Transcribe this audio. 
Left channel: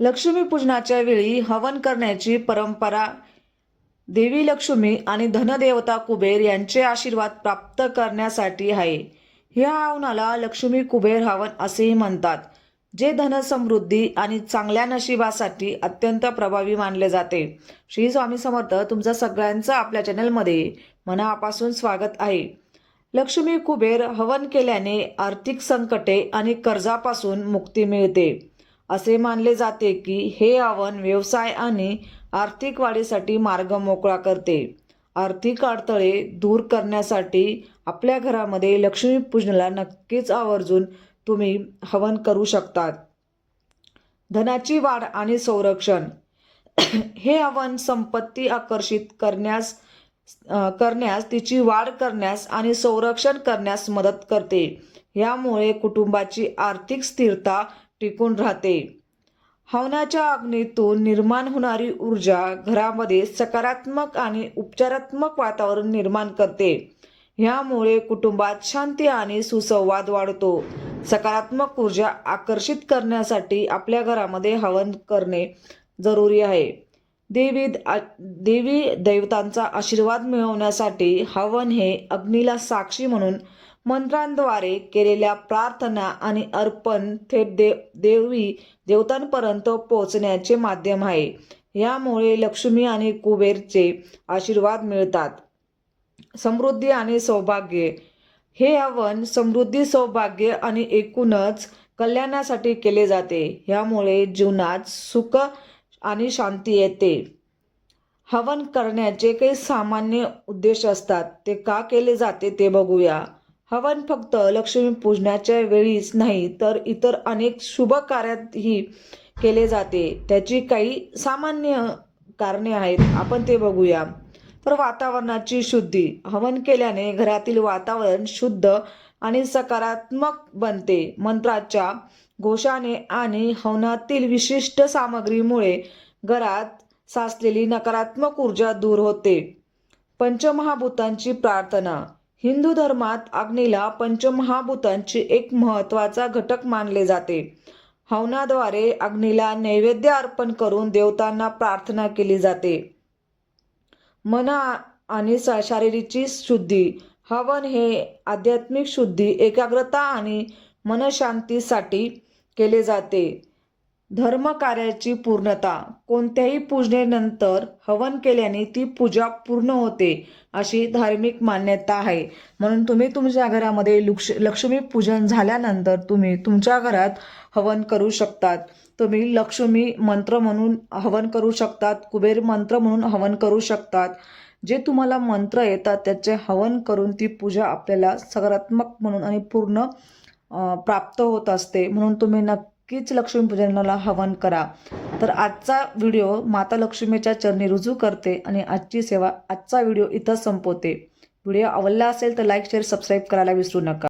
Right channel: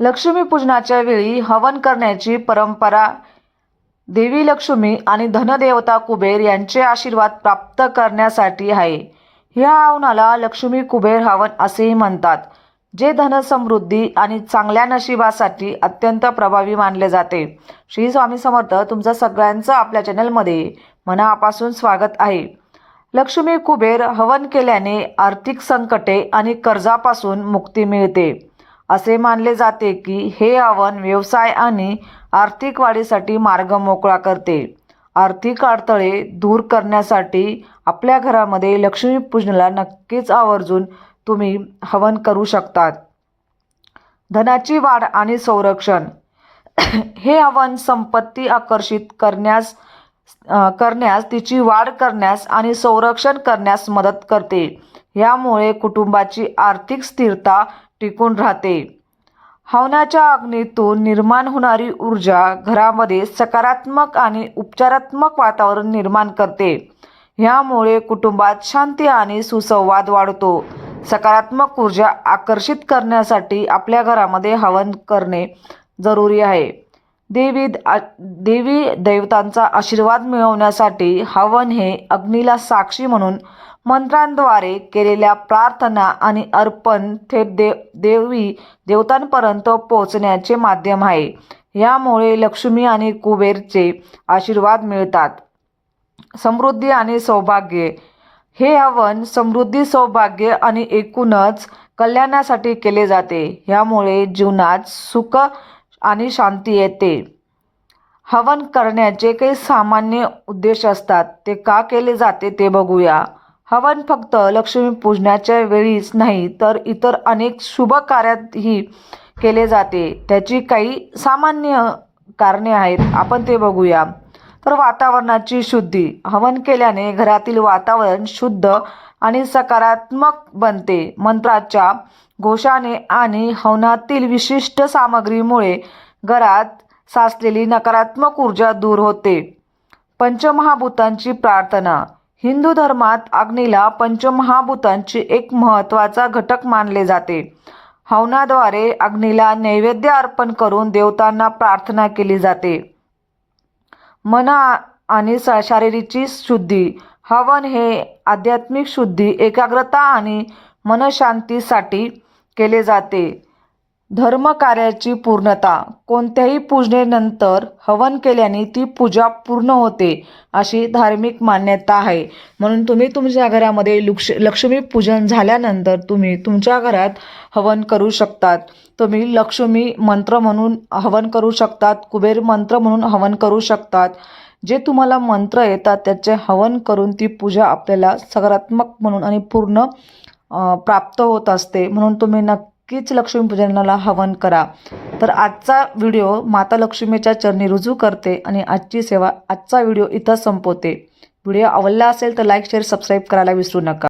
लक्ष्मीपूजनाच्या वेळी हवन करण्याची परंपरा देवी लक्ष्मी आणि धनदेवता कुबेर यांचे आशीर्वाद प्राप्त करण्यासाठी आहे. ह्या हवनाला लक्ष्मी कुबेर हवन असेही म्हणतात जे धनसमृद्धी आणि चांगल्या नशिबासाठी अत्यंत प्रभावी मानले जाते. श्री स्वामी समर्थ तुमचं सगळ्यांचं आपल्या चॅनलमध्ये मनापासून स्वागत आहे. लक्ष्मी कुबेर हवन केल्याने आर्थिक संकटे आणि कर्जापासून मुक्ती मिळते. असे मानले जाते की हे हवन व्यवसाय आणि आर्थिक वाढीसाठी मार्ग मोकळा करते. आर्थिक अडथळे दूर करण्यासाठी आपल्या घरामध्ये लक्ष्मीपूजनाला नक्कीच आवर्जून तुम्ही हवन करू शकतात. धनाची वाढ आणि संरक्षण. हे हवन संपत्ती आकर्षित करण्यास करण्यास तिची वाढ करण्यास आणि संरक्षण करण्यास मदत करते. यामुळे कुटुंबाची आर्थिक स्थिरता टिकून राहते. हवनाच्या अग्नीतून निर्माण होणारी ऊर्जा घरामध्ये सकारात्मक आणि उपचारात्मक वातावरण निर्माण करते. यामुळे कुटुंबात शांती आणि सुसंवाद वाढतो. सकारात्मक ऊर्जा आकर्षित करण्यासाठी आपल्या घरामध्ये हवन करणे जरुरी आहे. देवी आ- देवी देवतांचा आशीर्वाद मिळवण्यासाठी हवन हे अग्नीला साक्षी म्हणून मंत्रांद्वारे केलेल्या प्रार्थना आणि अर्पण थेट देव देवी देवतांपर्यंत पोहोचण्याचे माध्यम आहे. यामुळे लक्ष्मी आणि कुबेरचे आशीर्वाद मिळतात. समृद्धी आणि सौभाग्य. हे हवन समृद्धी सौभाग्य आणि एकूणच कल्याणासाठी केले जाते. यामुळे जीवनात सुख आणि शांती येते. हवन करण्याचे काही सामान्य उद्देश असतात. ते का केले जाते ते बघूया. हवन फक्त लक्ष्मी पूजनाच्या वेळीच नाही तर इतर अनेक शुभ कार्यातही केले जाते. त्याची काही सामान्य कारणे आहेत. आपण ते बघूया. तर वातावरणाची शुद्धी. हवन केल्याने घरातील वातावरण शुद्ध आणि सकारात्मक बनते. मंत्राच्या घोषाने आणि हवनातील विशिष्ट सामग्रीमुळे घरात साचलेली नकारात्मक ऊर्जा दूर होते. पंचमहाभूतांची प्रार्थना. हिंदू धर्मात अग्नीला पंचमहाभूतांची एक महत्त्वाचा घटक मानले जाते. हवनाद्वारे अग्नीला नैवेद्य अर्पण करून देवतांना प्रार्थना केली जाते. मन आणि स- शारीरिकची शुद्धी हवन हे आध्यात्मिक शुद्धी एकाग्रता आणि मनशांतीसाठी केले जाते. धर्मकार्याची पूर्णता. कोणत्याही पूजनेनंतर हवन केल्याने ती पूजा पूर्ण होते अशी धार्मिक मान्यता आहे. म्हणून तुम्ही तुमच्या घरामध्ये लक्ष लक्ष्मी पूजन झाल्यानंतर तुम्ही तुमच्या घरात हवन करू शकतात. तुम्ही लक्ष्मी मंत्र म्हणून हवन करू शकतात कुबेर मंत्र म्हणून हवन करू शकतात. जे तुम्हाला मंत्र येतात त्याचे हवन करून ती पूजा आपल्याला सकारात्मक म्हणून आणि पूर्ण प्राप्त होत असते. म्हणून तुम्ही नक्कीच लक्ष्मीपूजनाला हवन करा. तर आजचा व्हिडिओ माता लक्ष्मीच्या चरणी रुजू करते आणि आजची सेवा आजचा व्हिडिओ इथं संपवते. व्हिडिओ आवडला असेल तर लाईक शेअर सबस्क्राईब करायला विसरू नका.